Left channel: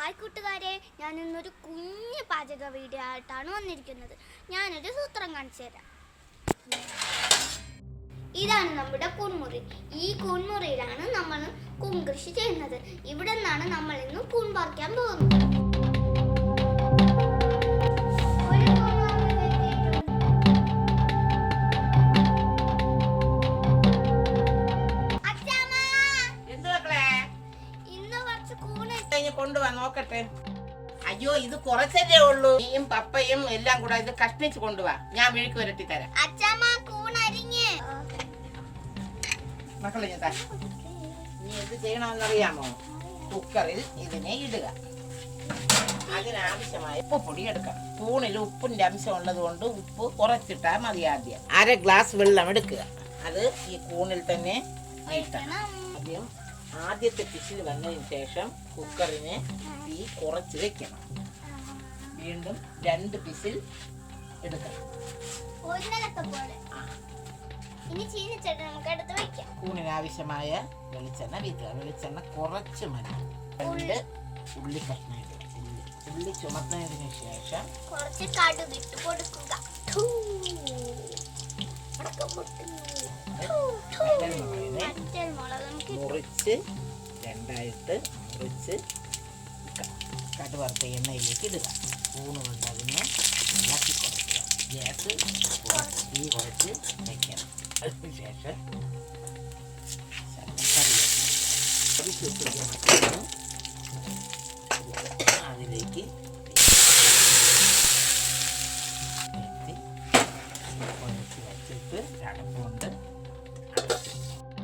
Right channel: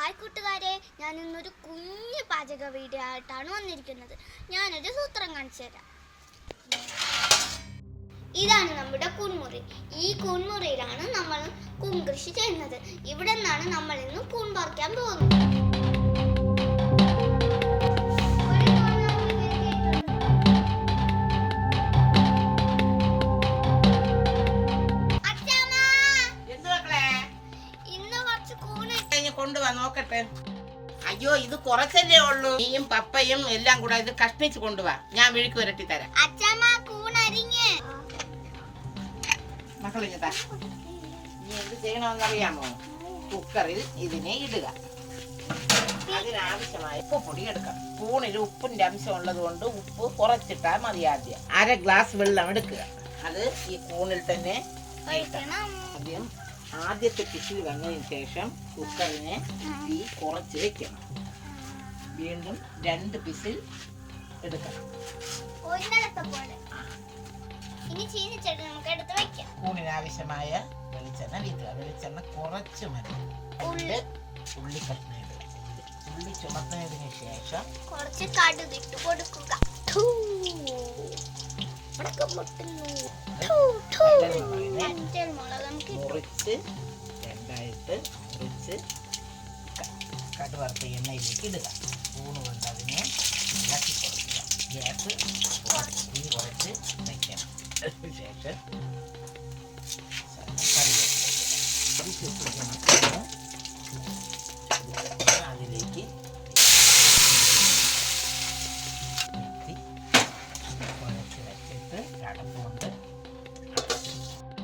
Hi കൂട്ടുകാരെ, ഞാൻ ഇന്നൊരു കുഞ്ഞു പാചക വീഡിയോ ആയിട്ടാണ് വന്നിരിക്കുന്നത്. ഞാനൊരു സൂത്രം കാണിച്ചു തരാം. ഇതാണ് നമ്മുടെ കൂൺമുറി. ഈ കൂൺമുറിയിലാണ് നമ്മൾ കൂൺ കൃഷി ചെയ്യുന്നത്. ഇവിടെ നിന്നാണ് നമ്മൾ ഇന്ന് കൂൺ പറിക്കാൻ പോകുന്നത്. കൊണ്ടുവാ നോക്കട്ടെ. അയ്യോ, ഇത് കുറച്ചല്ലേ ഉള്ളൂ. നീയും പപ്പയും എല്ലാം കൂടെ ഇത് കഷ്ണിച്ച് കൊണ്ടുവാ. ഞാൻ വിഴുക്ക് വരട്ടി തരാം. മക്കളെ, നീ എന്ത് ചെയ്യണമെന്നറിയാമോ? കുക്കറിൽ ഇതിനെ ഇടുക. അതിനാവശ്യമായ ഉപ്പ് പൊടി എടുക്കണം. കൂണിൽ ഉപ്പിന്റെ അംശം ഉള്ളത് കൊണ്ട് ഉപ്പ് കുറച്ചിട്ടാ മതി. ആദ്യം 1/2 ഗ്ലാസ് വെള്ളം എടുക്കുക. അത് ഈ കൂണിൽ തന്നെ ആദ്യം ആദ്യത്തെ പിസിൽ വന്നതിന് ശേഷം കുക്കറിനെ തീ കുറച്ച് വെക്കണം. വീണ്ടും 2 പിസിൽ എടുക്കണം. കൂണിനാവശ്യമായ വെളിച്ചെണ്ണ വീട്ടുക. വെളിച്ചെണ്ണ കുറച്ച് മതി. 2 ഉള്ളി കഷ്ണം ഇടുക. ഉള്ളി ചുമക്കുന്നതിന് ശേഷം കുറച്ച് കടുക് ഇട്ട് കൊടുക്കുക. മുറിച്ച് 2ആയിട്ട് മുറിച്ച് കടുവറുത്ത എണ്ണയിലേക്ക് ഇടുക. കൂണ് കൊണ്ട് അതിനെ ഇളക്കി കൊടുക്കുക. ഗ്യാസ് തീ കുറച്ച് വയ്ക്കണം. അതിനുശേഷം അതിലേക്ക് അടപ്പുകൊണ്ട്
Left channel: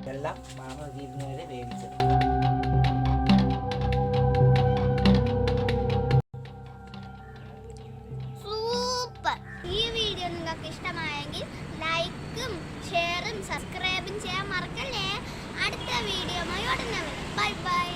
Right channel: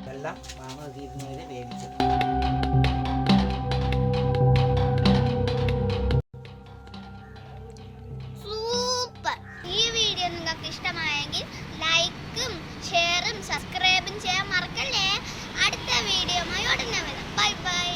വെള്ളം മാമ തീരുന്നവരെ വേവിച്ചു. സൂപ്പർ! ഈ വീഡിയോ നിങ്ങൾക്ക് ഇഷ്ടമായെങ്കിൽ ലൈക്കും ഷെയറും സബ്സ്ക്രൈബും ചെയ്യാൻ മറക്കല്ലേ. അടുത്ത വീഡിയോയുമായി ഉടനെ വരാം. Bye bye.